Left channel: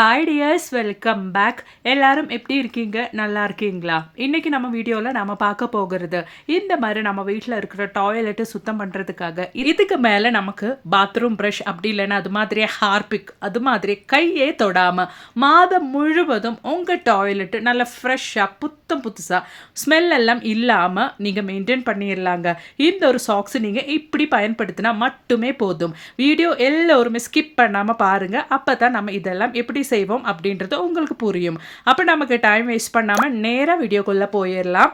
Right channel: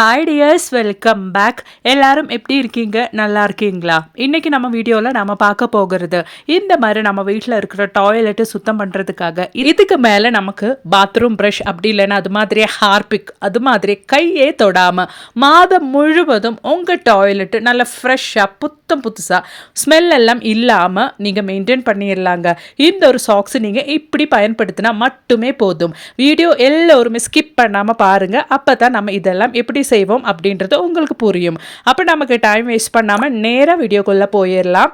Hi tears welcome back எல்லாரும் எப்படி இருக்கீங்க? நல்லா இருக்கீங்களா? இன்னைக்கு நம்ம வீடியோவில் நம்ம பார்க்க போகிறது இந்த மாதிரி நம்ம வீட்டில் இருக்கிற டாய்லெட்டு சுத்தம் பண்ணுறதுக்காக இதுக்கு மேலே நமக்கு பாத்ரூம் ப்ரஷ் அப்படி இல்லைன்னா அது மாதிரி ஹார்பிக் அது மாதிரி கையே தொடாமல் மாதம் முழுவதும் உங்கள் டாய்லெட்டு நல்லா ஃப்ரெஷ்ஷாக புத்தம் புதுசாக ஸ்மெல் எல்லாம் இல்லாமல் நீங்கள் மெயின்டைன் பண்ணிடலாங்க இந்த ஒரு சாக்ஸ் நீங்கள் இப்படி பயன்படுத்தினா மட்டுமே போதும். வீடியோ எல்லோருமே ஸ்கிப் பண்ணாமல் பாருங்கள் அப்போ தான் நம்ம இதெல்லாம் எப்படி செய்வோம் அப்படின்றது உங்களுக்கு புரியும். அப்போ நமக்கு டைம் வேஸ்ட் பண்ணாமல் நேராக வீடியோக்குள்ளே போயிடலாம்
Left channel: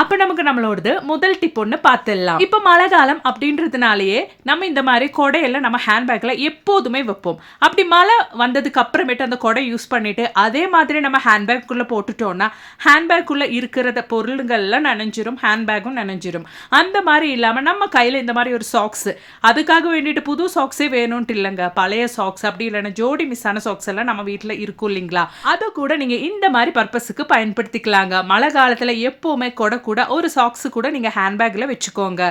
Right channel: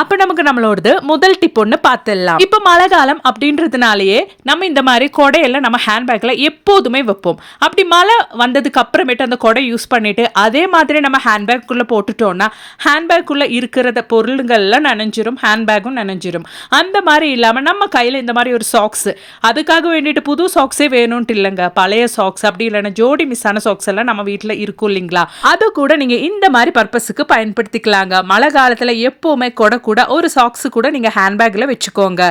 அப்ப நமக்கு நம்மளோடது முதல் டிப் ஒன்று பார்த்துடலாம். இப்போ மழை காலம் அப்படின்றதுனாலயே நம்ம இந்த மாதிரி கொடையெல்லாம் நம்ம ஹேண்ட்பேக்கில் எப்போதுமே வைப்போம். அப்படி மழை வந்ததுக்கு அப்புறமேட்டு அந்த கொடை யூஸ் பண்ணிட்டு அதே மாதிரி நம்ம ஹேண்ட்பேக்குள்ளே போட்டுட்டோம்னா ஹேண்ட்பேக்குள்ளே இருக்கிறத பொருளுங்கள்லாம் நனைஞ்சிரும் ஹேண்ட்பேக்கும் நனைஞ்சிரும். அந்த மாதிரி இல்லாமல் நம்ம கையில் இந்த மாதிரி ஒரு சாக்ஸ் அதுக்காக வேண்டிட்டு புது சாக்ஸே வேணும்ட்டு இல்லைங்க. பழைய சாக்ஸ் அப்படி இல்லைன்னா ஜோடி மிஸ் ஆன சாக்ஸ் எல்லாம் நம்ம வீட்டில் இருக்கும் இல்லைங்களா? அது கூட நீங்கள் இந்த மாதிரி பர்பஸுக்கு பயன்படுத்திக்கலாங்க. மழை காலத்தில் எப்போவுமே கொடை கூட ஒரு சாக்ஸு கூட நீங்கள் ஹேண்ட்பேக்கில் வச்சுக்கோங்க.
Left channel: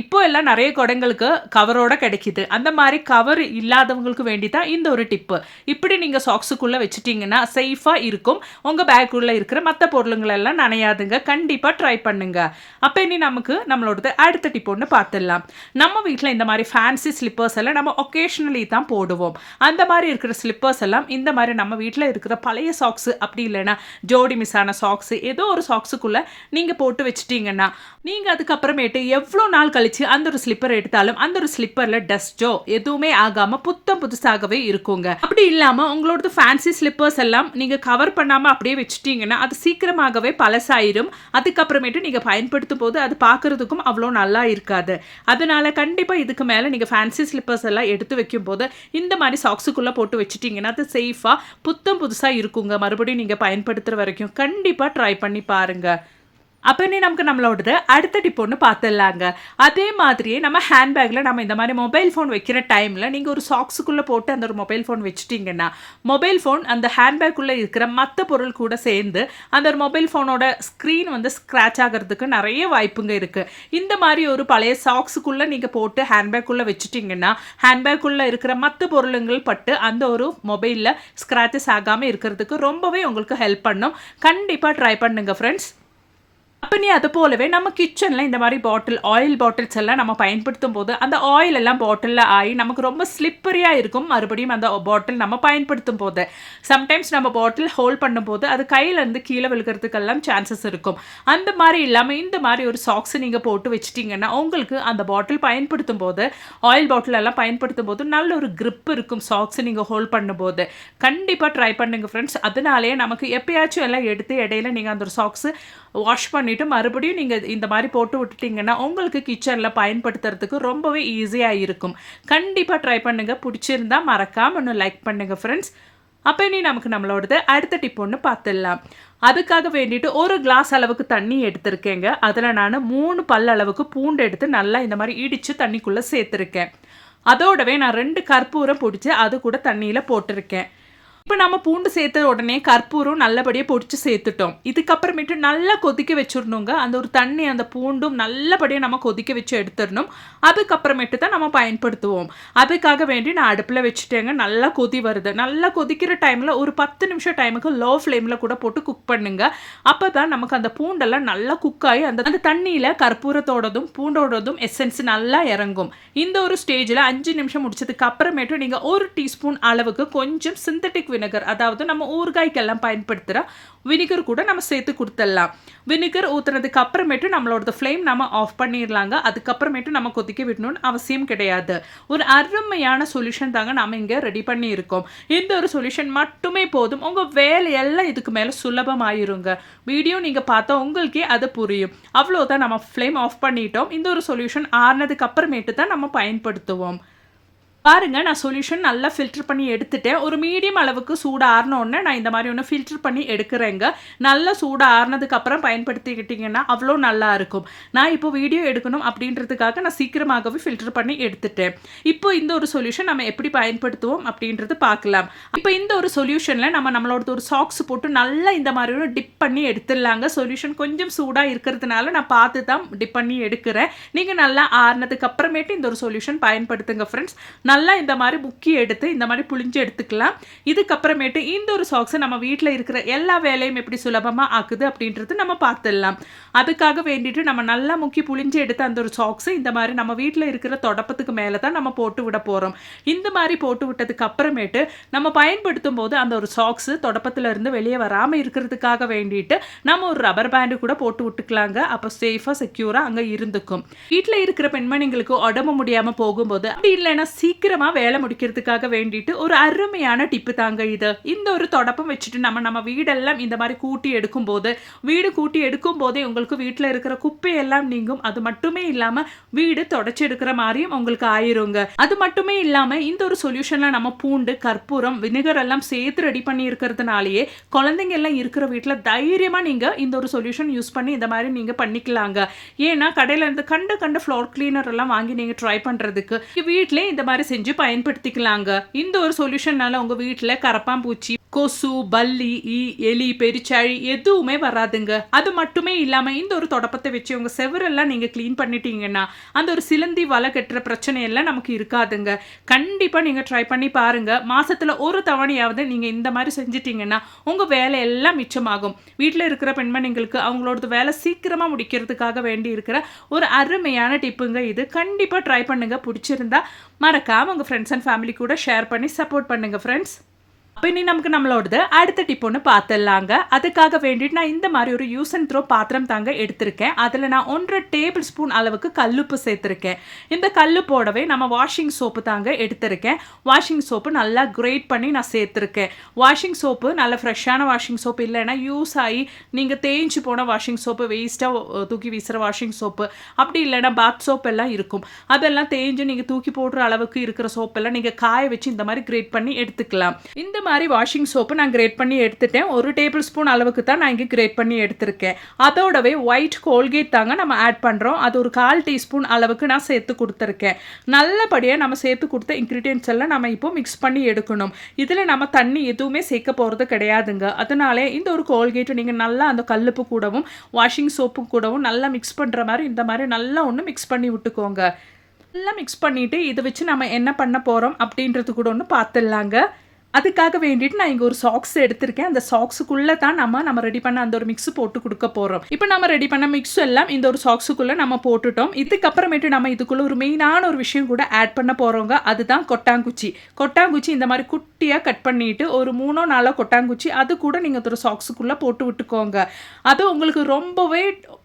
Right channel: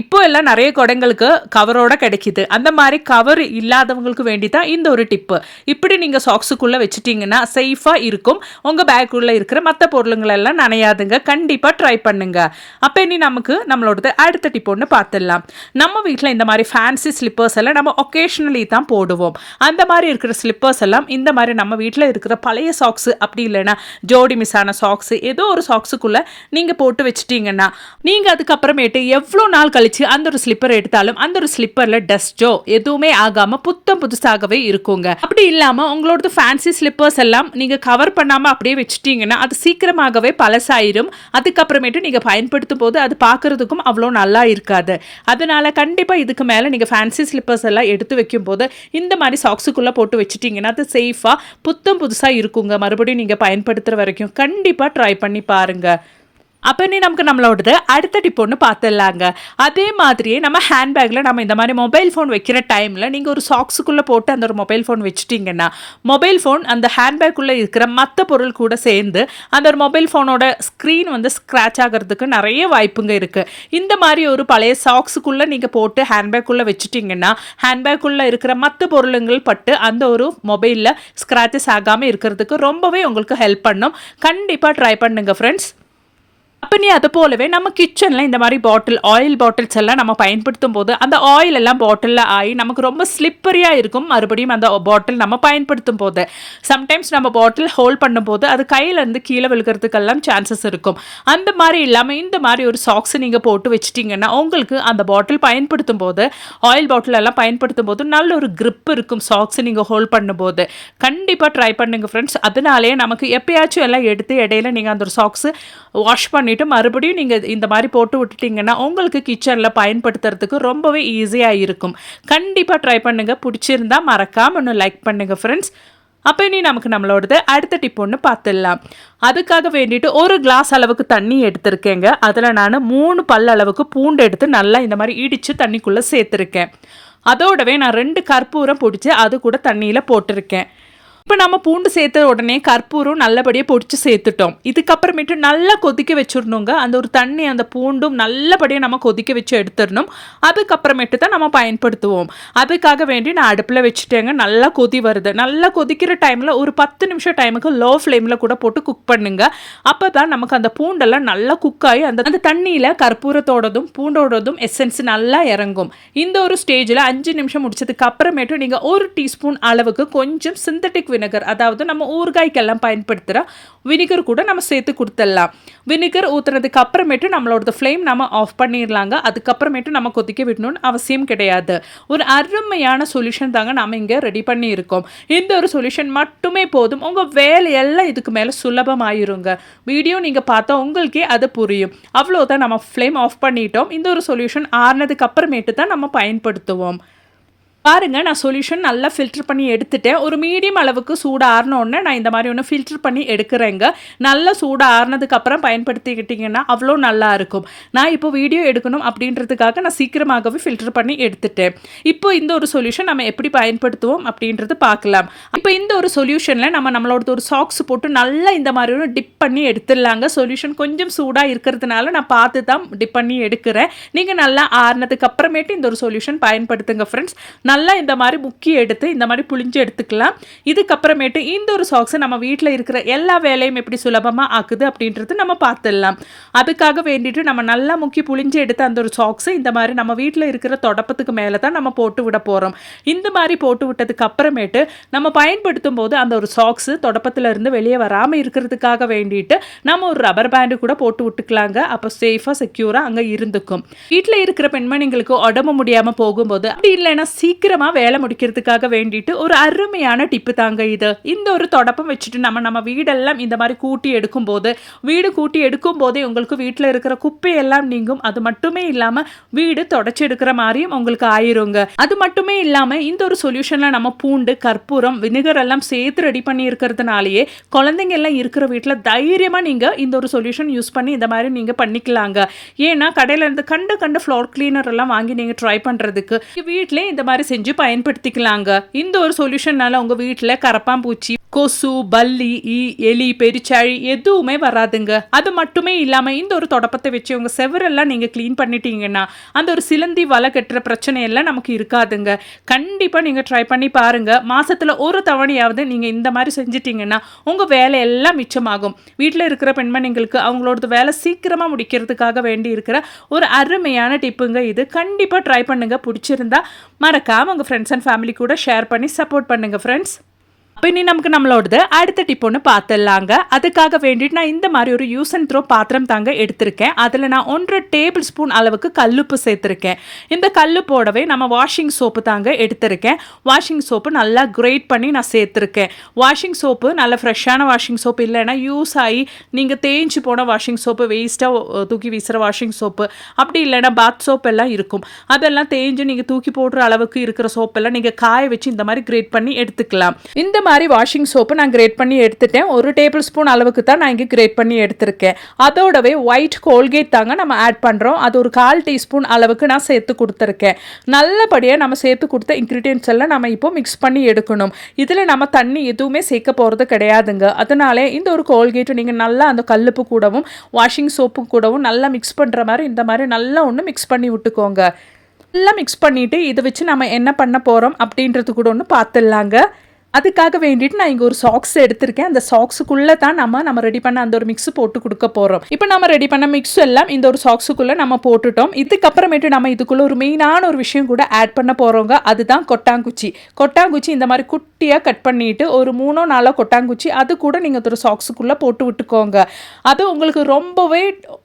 இப்போ எல்லாம் நிறைய குடங்களுக்கு கவரோட கிடைக்கிது. அந்த மாதிரி கவர் இல்லாதவங்களுக்கு வேண்டி தான் இந்த ஒரு டிப்பு இப்படி நீங்கள் சாக்ஸுக்குள்ளே வச்சுட்டிங்கன்னா சேஃபாக இருக்கும். உங்கள் பேக்குள்ளே இருக்கிற மற்ற பொருளுங்களெல்லாம் நனையாதுங்க. கண்டிப்பாக ட்ரை பண்ணுங்க. அப்போ இனி நமக்கு நம்மளோடது அடுத்த டிப் ஒன்று பார்த்துடலாம். நம்ம வீட்டில் இந்த மாதிரி ஃபேன்சி ஸ்லிப்பர்ஸ் எல்லாம் நம்ம ஒகேஷ்னலி தான் போடுவோம். அந்த மாதிரி இருக்கிற ஸ்லிப்பர்ஸ் எல்லாம் இந்த மாதிரி நம்ம வீட்டில் இருக்கிற பழைய சாக்ஸு அப்படி இல்லைன்னா ஜோடி மிஸ் ஆன சாக்ஸு ஏதோ ஒரு சாக்ஸுக்குள்ளே நீங்கள் போட்டு வச்சிட்டீங்கன்னா நீங்கள் அதுக்கப்புறமேட்டு எவ்வளோ நாள் கழிச்சு அந்த ஒரு ஸ்லிப்பர் எடுத்தாலும் அந்த ஒரு ஸ்லிப்பரில் டஸ்ட்டோ எதுவுமே ஆகாமல் புத்தம் புதுசாகவே இருக்குங்க. அப்படி இல்லாமல் உங்களோட ஃபேன்சி ஸ்லிப்பர்ஸ் எல்லாம் நீங்கள் கவர் பண்ணாமல் அப்படியே வச்சுட்டீங்கன்னா அது சீக்கிரமாகவே பழசாயிரும். அதுக்கப்புறமேட்டு நீங்கள் பயன்படுத்தும் போது அது பார்க்குறதுக்கும் அவ்வளோ நல்லா இருக்காது. அதனால கண்டிப்பாக இதுக்கு மேலே நீங்கள் ஃபேன்சி ஸ்லிப்பர்ஸ் எல்லாம் எடுத்து வைக்கும்போது இந்த மாதிரி சாக்ஸுக்குள்ளே போட்டு வச்சுட்டிங்கன்னா அது சேஃபாக புத்தம் புதுசாக இருக்குங்க. மறுபடியும் நீங்கள் பயன்படுத்துகிற வரைக்கும் கண்டிப்பாக ட்ரை பண்ணி பாருங்கள் அப்போ நீ நமக்கு நம்மளோடது அடுத்த டிப்போன்னு பார்த்துடலாங்க அதே மாதிரியே நம்ம ஹேண்ட்பேக்கில் நம்ம இந்த மாதிரி மொபைல் ஃபோன் வைக்கிற டைமில் நீங்கள் ஒரு சாக்ஸுக்குள்ளே போட்டு அந்த ஒரு மொபைல் ஃபோன் வச்சுட்டிங்கன்னா மொபைல் ஃபோன் அந்த ஹேண்ட்பேக்குள்ளே இருக்கிற மற்ற பொருள் கூட சேர்ந்து அந்த ஒரு மொபைல் ஃபோனோட ஸ்க்ரீன் வந்து ஸ்க்ராச் ஆகிறதுக்கு நிறைய வாய்ப்புங்க இருக்குது இந்த மாதிரி ஒரு பழைய சாக்ஸுக்குள்ளே நீங்கள் போட்டு ஹேண்ட்பேக்குள்ளே வச்சுட்டிங்கன்னா ஹேண்ட்பேக்குள்ளே இருக்கிற மற்ற பொருளுங்கள் பட்டு அந்த ஒரு மொபைலில் ஸ்க்ராச்சஸ் ஆகாமல் இருக்கிறதுக்கு ரொம்பவே உங்களுக்கு ஹெல்ப் பண்ணும். கண்டிப்பாக ட்ரை பண்ணுங்கள் ஃப்ரெண்ட்ஸ் அப்போ நீ அது போலவே நம்ம கிச்சனில் இந்த மாதிரி பாட்டில் ஆயில் பாட்டில்ஸ் எல்லாம் நம்ம பயன்படுத்தும் போது அந்த ஆயில் எல்லாம் பாட்டிலில் ஆகி நமக்கு ரொம்ப ஸ்லிப்பரியாக இருக்கும். மறுபடியும் அந்த பாட்டில் நம்ம பயன்படுத்தும் போது சம்டைம்ஸ் நம்ம பாட்டில் ஹோல்ட் பண்ணும்போது அது கையிலேருந்து கீழே விழுகிறதுக்கெல்லாம் சான்சஸ் இருக்கும். அந்த மாதிரி இல்லாமல் இந்த மாதிரி ஒரு சாக்ஸ் நீங்கள் போட்டு வச்சிட்டிங்கன்னா உங்களுக்கு அந்த பாட்டில் பயன்படுத்தும் போது ஆயில் பாட்டில் எல்லாம் பயன்படுத்தும் போது நல்ல ஒரு க்ரிப் இருக்கும் சாக்ஸ் நீங்கள் ஹோல்ட் பண்ணும்போது. கண்டிப்பாக ட்ரை பண்ணுங்கள் ஃப்ரெண்ட்ஸ் அதனாலே நமக்கு எப்பயாச்சும் எல்லாம் எடுத்து இடையில நீங்கள் அந்த ஒரு சாக்ஸ் வாஷ் பண்ணி பண்ணிவிட்டு மறுபடியும் நீங்கள் இந்த மாதிரி போட்டு விட்டுட்டிங்கன்னா உங்களுக்கு கிச்சனில் பயன்படுத்துறதுக்கு ரொம்பவே ஈஸியாக இருக்கும். கண்டிப்பாக ட்ரை பண்ணுங்கள் பிடிச்சிருந்தா மறக்காமல் ஒன்று லைக் பண்ணுங்கள் ஃப்ரெண்ட்ஸ் அப்போ இனி நமக்கு நம்மளோடது அடுத்த டிப் ஒன்று பார்த்துடலாம். அதுக்காக வேண்டிட்டு ஒரு கிளாஸ் அளவுக்கு தண்ணி எடுத்திருக்கேங்க. அதில் நான் மூணு பல் அளவுக்கு பூண்டு எடுத்து நல்லா இந்த மாதிரி இடித்து தண்ணிக்குள்ளே சேர்த்துருக்கேன். அதோடவே நான் ரெண்டு கற்பூரம் பிடிச்சி அது கூட தண்ணியில் போட்டிருக்கேன். இப்போ நம்ம பூண்டு சேர்த்த உடனே கற்பூரம் நல்லபடியாக பொடிச்சு சேர்த்துட்டோம். இதுக்கப்புறமேட்டு நல்லா கொதிக்க வச்சிடணுங்க. அந்த ஒரு தண்ணி அந்த பூண்டும் நல்லபடியாக நம்ம கொதிக்க வச்சு எடுத்துடணும். அதுக்கப்புறமேட்டு தான் நம்ம பயன்படுத்துவோம். அதுக்காக வேண்டி நான் அடுப்பில் வச்சுட்டேங்க. நல்லா கொதி வருது. நல்லா கொதிக்கிற டைமில் ஒரு பத்து நிமிஷம் டைமுக்கு லோ ஃப்ளேமில் கூட போட்டு குக் பண்ணுங்க. அப்போ தான் நமக்கு அந்த பூண்டெல்லாம் நல்லா குக் ஆகி அந்த அந்த தண்ணியில் கற்பூரத்தோடதும் பூண்டோடதும் எசன்ஸ் நல்லா இறங்கும். இந்த ஒரு ஸ்டேஜில் அஞ்சு நிமிஷம் முடிச்சதுக்கு அப்புறமேட்டு நீங்கள் ஒரு டீஸ்பூன் அளவுக்கு கொஞ்சம் சிந்தட்டிக் விnegar அதாவது நம்ம ஊறுகாய்க்கெல்லாம் பயன்படுத்துகிற வினிகர் கூட நம்ம சேர்த்து கொடுத்துடலாம். வினிகர் ஊற்றுனதுக்கு அப்புறமேட்டு நம்மளோட ஃப்ளேம் நம்ம ஆஃப் பண்ணிடலாங்க. அதுக்கப்புறமேட்டு நம்ம கொதிக்க விடணும்னு அவசியம் கிடையாது. ஒரு அருமையான சொல்யூஷன் தாங்க நம்ம இங்கே ரெடி பண்ணியிருக்கோம். இந்த ஒரு சொல்யூஷன் மட்டுமே போதும். உங்கள் வேலையெல்லாம் இதுக்கு மேலே சுலபமாயிருங்க. வீடியோ நீங்கள் பார்த்தா உங்களுக்கே அது புரியும். அவ்வளோதான் நம்ம ஃப்ளேம் ஆஃப் பண்ணிட்டோம். இந்த ஒரு சொல்யூஷன் ஆறுனதுக்கு அப்புறமேட்டு தான் நம்ம பயன்படுத்துவோம். பாருங்க நான் சொல்யூஷன் நல்லா ஃபில்டர் பண்ணி எடுத்துட்டேன். ஒரு மீடியம் அளவுக்கு சூடு ஆறினோடனே நான் இந்த மாதிரி ஒன்று ஃபில்டர் பண்ணி எடுக்கிறேங்க. நல்லா சூடு ஆறுனதுக்கப்புறம் பயன்படுத்திக்கிட்டிங்கன்னா அவ்வளோ நல்லா இருக்கும். நான் இப்போ வீடியோ எடுக்கணும் அப்படின்றதுக்காக நான் சீக்கிரமாகவே ஃபில்டர் பண்ணி எடுத்துட்டேன். இப்போ இந்த ஒரு சொல்யூஷன் நம்ம எப்படி பயன்படுத்துவோம் அப்படின்றது பார்க்கலாம். இப்போ இந்த ஒரு சொல்யூஷனில் நம்ம நம்மளோட ஒரு சாக்ஸ் போட்டு நல்லா இந்த மாதிரி ஒரு டிப் பண்ணி எடுத்துடலாங்க. சொல்யூஷன் கொஞ்சம் சூடாக இருக்கிறதுனால நான் பார்த்து தான் டிப் பண்ணி எடுக்கிறேன். நீங்கள் நல்லா ஆறுனதுக்கு அப்புறமேட்டு இந்த ஒரு சொல்யூஷன் பயன்படுத்துங்க ஃப்ரெண்ட்ஸ் நல்லா இந்த மாதிரி முக்கி எடுத்து இந்த மாதிரி புளிஞ்சு எடுத்துக்கலாம். இதுக்கப்புறமேட்டு இந்த ஒரு சாக்ஸை நம்ம வீட்டில் இருக்கிற எல்லா வேலையும் எப்படி சுலபமாக ஆக்குது அப்படின்றது நம்ம பார்த்துடலாம். அதுக்காக வேண்டிட்டு நம்ம நல்லா முக்கி புளிஞ்சு எடுத்து அந்த ஒரு சாக்ஸை இந்த மாதிரி நம்ம வீட்டில் இருக்கிற தொடப்பத்துக்கு மேலே தான் நம்ம போட்டு விட போகிறோம் இந்த மாதிரி போட்டு விட்டதுக்கு அப்புறமேட்டு நம்ம பயன்படுத்தும் போது அந்த ஒரு சாக்ஸு தொடப்பத்தில் இருந்து வெளியே வராமல் இருக்கிறதுக்காக வேண்டிட்டு நம்ம ஒரு ரப்பர் பேண்டு கூட போட்டு விட்டுக்கலாங்க. அப்போ சேஃபாக செக்யூராக அங்கே இருந்துக்கும். வீட்டில் இருக்கிற பெண்மணிங்களுக்கு உடம்பு முடியாமல் போகும்போது அப்படி இல்லைன்னா சீக்கிரமாக வேலை முடிக்கிறதுக்காக வேண்டிட்டு ஒரு அருமையான டிப்பு தாங்க இது. இந்த ஒரு தொடப்பம் வச்சுட்டு நம்ம நம்ம வீடெல்லாம் இந்த மாதிரி கூட்டி எடுக்கும்போது வீடு கூட்டி எடுக்கும் போதே உங்களுக்கு வீட்டில் இருக்கிற குப்பையெல்லாம் நீங்கும். அது மட்டுமே இல்லாமல் வீடு தொடச்சி எடுக்கிற மாதிரியும் உங்களுக்கு ஆயிருங்க. அது மட்டுமே இல்லாமல் இந்த ஒரு சொல்யூஷனில் நம்ம பூண்டு கற்பூரம் வினிகர் எல்லாம் சேர்த்து ரெடி பண்ணி இருக்கிறதுனாலயே குழந்தைங்க எல்லாம் இருக்கிற வீட்டில் தைரியமாக நீங்கள் இந்த ஒரு சொல்யூஷன் யூஸ் பண்ணி இந்த மாதிரி நீங்கள் பண்ணிக்கலாங்க. ஏன்னா கடையில் இருந்து கண்டு கண்டு ஃப்ளோர் கிளீனர் எல்லாம் வாங்கி நீங்கள் ட்ரை பண்ணுறதுக்கு வீட்டிலே இந்த மாதிரி செஞ்சு பயன்படுத்திக்கலாங்க. இந்த ஒரு சொல்யூஷன்னால உங்கள் வீட்டில் கரப்பாம்பூச்சி கொசு பல்லி ஈ எலி பெருச்சாழி எதுவுமே வராதுங்க. அது மட்டுமே இல்லாமல் இந்த ஒரு தொடப்பத்தை வச்சு உங்கள் செவரெல்லாம் நீங்கள் க்ளீன் பண்ணிட்டீங்கன்னா அந்த ஒரு சிலந்தி வலை கட்டுற பிரச்சனையெல்லாம் நமக்கு இருக்காதுங்க. கண்டிப்பாக நீங்கள் ட்ரை பண்ணி பாருங்கள் மாதத்தில் ஒரு தவணையாவது நீங்கள் இந்த மாதிரி செஞ்சிட்டிங்கன்னா உங்கள் வேலையெல்லாம் மிச்சமாகும். வீட்டில் இருக்கிற பெண்மணிங்களுக்கு அவங்களோட வேலை சீக்கிரமாக முடிக்கிறதுக்காக வேண்டி இருக்கிற ஒரு அருமையான டிப்புங்க இது. கண்டிப்பாக ட்ரை பண்ணுங்கள் பிடிச்சிருந்தா மறக்காமல் உங்கள் ஃப்ரெண்ட்ஸ் அண்ட் ஃபேமிலி கூட ஷேர் பண்ணி சப்போர்ட் பண்ணுங்கள் ஃப்ரெண்ட்ஸ் அப்போ இனி நமக்கு நம்மளோடது அடுத்த டிப் ஒன்று பார்த்துடலாங்க அதுக்காக வேண்டிட்டு நான் இந்த மாதிரி ஒரு யூஸ் அண்ட் த்ரோ பாத்திரம் தாங்க எடுத்திருக்கேன். அதில் நான் ஒன்றரை டேபிள் ஸ்பூன் அளவுக்கு கல்லுப்பு சேர்த்துருக்கேன். இந்த கல்லுப்போடவே நம்ம வாஷிங் சோப்பு தாங்க எடுத்திருக்கேன். வாஷிங் சோப்பு நல்லா கிரேட் பண்ணி நான் சேர்த்துருக்கேன். வாஷிங் சோப்பு நல்ல ஃப்ரெஷ்ஷான வாஷிங் சோப்பு இல்லைன்னா யூஸ் ஆகி நீங்கள் தேஞ்சு போன வாஷிங் சோப்பு வேஸ்ட்டாக தூக்கி வீசுகிற வாஷிங் சோப்பு அப்படி இல்லைன்னா பாத் சோப் எல்லாம் இருக்கும். அதெல்லாம் தேஞ்சு நீங்கள் தூக்கி போடுற அளவுக்கு இருக்கிற சோப்பெல்லாம் நீங்கள் காய வச்சு இந்த மாதிரி கிரேட் பண்ணி எடுத்துக்கலாம். இந்த மாதிரி மாதிரி வாஷிங் சோப்பு நான் கிரேட் பண்ணி எடுத்துட்டேன். ஒரு டேபிள் ஸ்பூன் அளவுக்கு தான் நான் இங்கே கிரேட் பண்ணி எடுத்திருக்கேன். அதோடவே ஒயிட் கோல்கேட் தாங்க நம்ம ஆட் பண்ணுறோம் அது ஒரு கால் டீஸ்பூன் அளவுக்கு நான் சேர்த்து கொடுத்துருக்கேன். நல்லபடியாக நம்ம சேர்த்து கொடுத்த இன்க்ரீடியன்ஸ் எல்லாம் நம்ம இப்போ மிக்ஸ் பண்ணி எடுக்கணும். இதில் நம்ம தண்ணி எதுவுமே சேர்க்க போகிறது கிடையாதுங்க. அதனாலே இந்த ஒரு கோல்கேட்டு நீங்கள் நல்லா அந்த கல்லுப்பு கூடவும் வாஷிங் சோப்பு கூடவும் நல்லா மிக்ஸ் பண்ணுற மாதிரி இந்த மாதிரி நல்லா ஒன்று மிக்ஸ் பண்ணி விட்டுக்கோங்க. நல்லா மிக்ஸ் பண்ணிவிட்டு இதை வச்சு நம்ம என்ன பண்ண போகிறோம் அப்படின்றது கூட ஒன்று பார்த்துடலாங்க. அதுக்காக வேண்டிட்டு நான் இங்கே ஒரு சாக்ஸ் எடுத்திருக்கேன். அந்த சாக்ஸுக்குள்ளே தான் நம்ம நம்ம ரெடி பண்ண அந்த ஒரு மிக்ஸ் போட்டு கொடுக்க போகிறோம் இப்போ நம்ம ரெடி பண்ண மிக்ஸ் எல்லாம் இந்த ஒரு சாக்ஸுக்குள்ளே நம்ம போட்டுட்டோம். இதுக்கப்புறமேட்டு நம்ம இதுக்குள்ளே ஒரு மெயினான ஒரு விஷயம் கூட ஆட் பண்ண போகிறோங்க அதுதான் கொட்டாங்குச்சி. கொட்டாங்குச்சி இந்த மாதிரி குட்டியாக கட் பண்ணிட்டு ஒரு மூணோ நாலோ கொட்டாங்குச்சி அது கூட நீங்கள் ஒரு சாக்ஸுக்குள்ளே போட்டு விட்டுக்கோங்க. அது உங்களுக்கு ரொம்பவே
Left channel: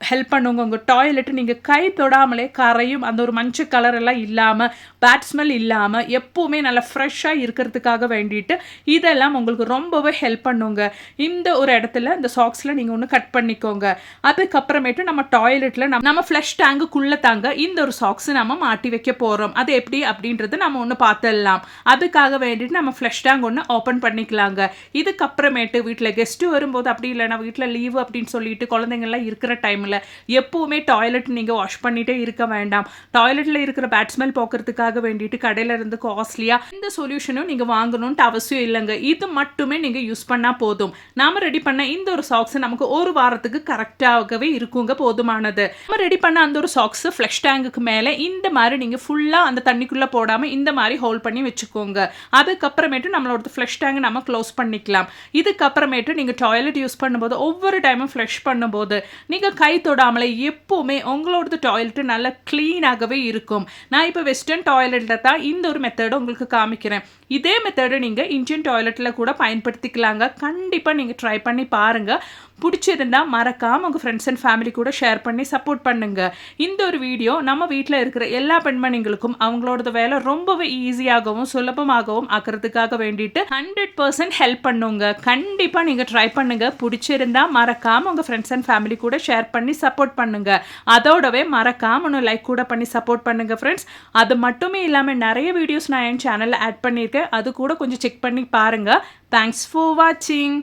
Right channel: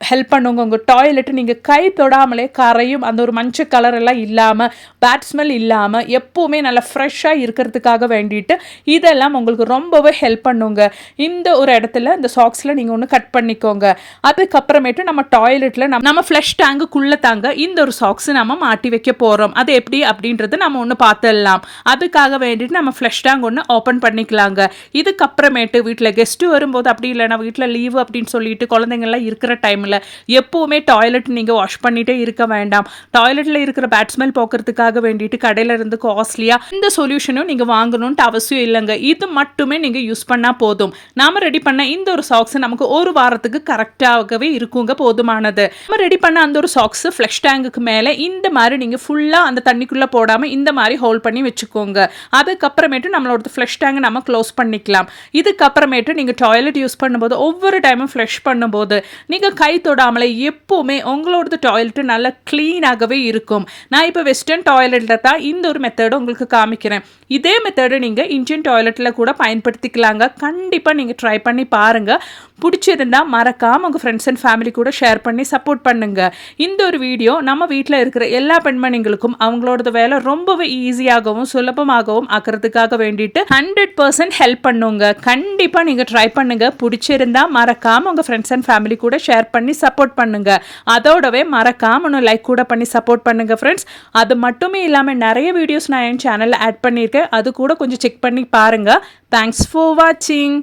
ஹெல்ப் பண்ணுங்க. உங்கள் டாய்லெட்டு நீங்கள் கை தொடாமலே கரையும். அந்த ஒரு மஞ்சள் கலர் எல்லாம் இல்லாமல் பேட் ஸ்மெல் இல்லாமல் எப்போவுமே நல்லா ஃப்ரெஷ்ஷாக இருக்கிறதுக்காக வேண்டிட்டு இதெல்லாம் உங்களுக்கு ரொம்பவே ஹெல்ப் பண்ணுங்க. இந்த ஒரு இடத்துல இந்த சாக்ஸில் நீங்கள் ஒன்று கட் பண்ணிக்கோங்க. அதுக்கப்புறமேட்டு நம்ம டாய்லெட்டில் நம்ம நம்ம ஃப்ளஷ் டேங்குக்குள்ளே தாங்க இந்த ஒரு சாக்ஸ் நம்ம மாட்டி வைக்க போகிறோம் அது எப்படி அப்படின்றது நம்ம ஒன்று பார்த்துடலாம் அதுக்காக வேண்டிட்டு நம்ம ஃப்ளஷ் டேங்க் ஒன்று ஓப்பன் பண்ணிக்கலாங்க. இதுக்கப்புறமேட்டு வீட்டில் கெஸ்ட்டு வரும்போது அப்படி இல்லைனா வீட்டில் லீவு அப்படின்னு சொல்லிட்டு குழந்தைங்கள்லாம் இருக்கிற டைமில் எப்போவுமே டாய்லெட் நீங்கள் வாஷ் பண்ணிகிட்டே இருக்க வேண்டாம். டாய்லெட்டில் இருக்கிற பேட்ஸ்மெல் போக்குறதுக்காக வேண்டிட்டு கடையில் இருந்து காஸ்ட்லியாக இந்த சொல்யூஷனும் நீங்கள் வாங்கணுன்ட்டு அவசியம் இல்லைங்க. இது மட்டுமே நீங்கள் யூஸ் பண்ணால் போதும். நாம் ரெடி பண்ண இந்த ஒரு சாக்ஸ் நமக்கு ஒரு வாரத்துக்கு கரெக்டாகவே இருக்குங்க போதுமானது. நம்ம ரெடி பண்ண அந்த ஒரு சாக்ஸ் ஃப்ளஷ் டேங்குக்கு மேலே இந்த மாதிரி நீங்கள் ஃபுல்லாக அந்த தண்ணிக்குள்ளே போடாமல் இந்த மாதிரி ஹோல்ட் பண்ணி வச்சுக்கோங்க. அதுக்கப்புறமேட்டு நம்மளோட ஃப்ளஷ் டேங்கை நம்ம க்ளோஸ் பண்ணிக்கலாம். இதுக்கப்புறமேட்டு நீங்கள் டாய்லெட் யூஸ் பண்ணும்போது ஒவ்வொரு டைமும் ஃப்ளஷ் பண்ணும்போது நீங்கள் கை தொடாமலே எப்போவுமே உங்களோடது டாய்லெட்டு நல்லா க்ளீனாகவே இருக்கும். நான் இப்போ வெஸ்டர்ன் டாய்லெட்டில் தான் இந்த ஒரு மெத்தடை உங்களுக்கு காமிக்கிறேன். இதே மெத்தடை நீங்கள் இன்ஜின் டாய்லெட்டில் கூட பயன்படுத்திக்கலாங்க. கண்டிப்பாக நீங்கள் ட்ரை பண்ணி பாருங்கள் பிடிச்சிருந்தா மறக்காமல் உங்கள் ஃப்ரெண்ட்ஸ் அண்ட் ஃபேமிலி கூட ஷேர் பண்ணி சப்போர்ட் பண்ணுங்கள் இந்த ஒரு வீடியோ நம்ம வீட்டில் இருக்கிற எல்லா பெண்மணிகளுக்கும் அவங்களோட வேலை ரொம்பவே ஈஸியாகவும் சுலபமாகவும் ஆக்கிறதுக்காக வேண்டிட்டு ஹண்ட்ரட் பர்சன்ட் ஹெல்ப் பண்ணுங்க. கண்டிப்பாக நீங்கள் ட்ரை பண்ணுங்கள் பிடிச்சிருந்தா மறக்காமல் உங்கள் ஃப்ரெண்ட்ஸ் அண்ட் ஃபேமிலி கூட ஷேர் பண்ணி சப்போர்ட் பண்ணுங்கள் அதோடவே மறக்காமல் ஒன்று லைக் கூட பண்ணி சப்போர்ட் பண்ணுங்கள் ஃப்ரெண்ட்ஸ் அது மட்டுமே இல்லாமல் நிறைய வீடியோஸ் நான் என் சேனலில் ஆட் பண்ணியிருக்கேன். அது கூட கொஞ்சம் செக் பண்ணி பாருங்கள் தேங்க்ஸ் ஃபார் வாட்சிங்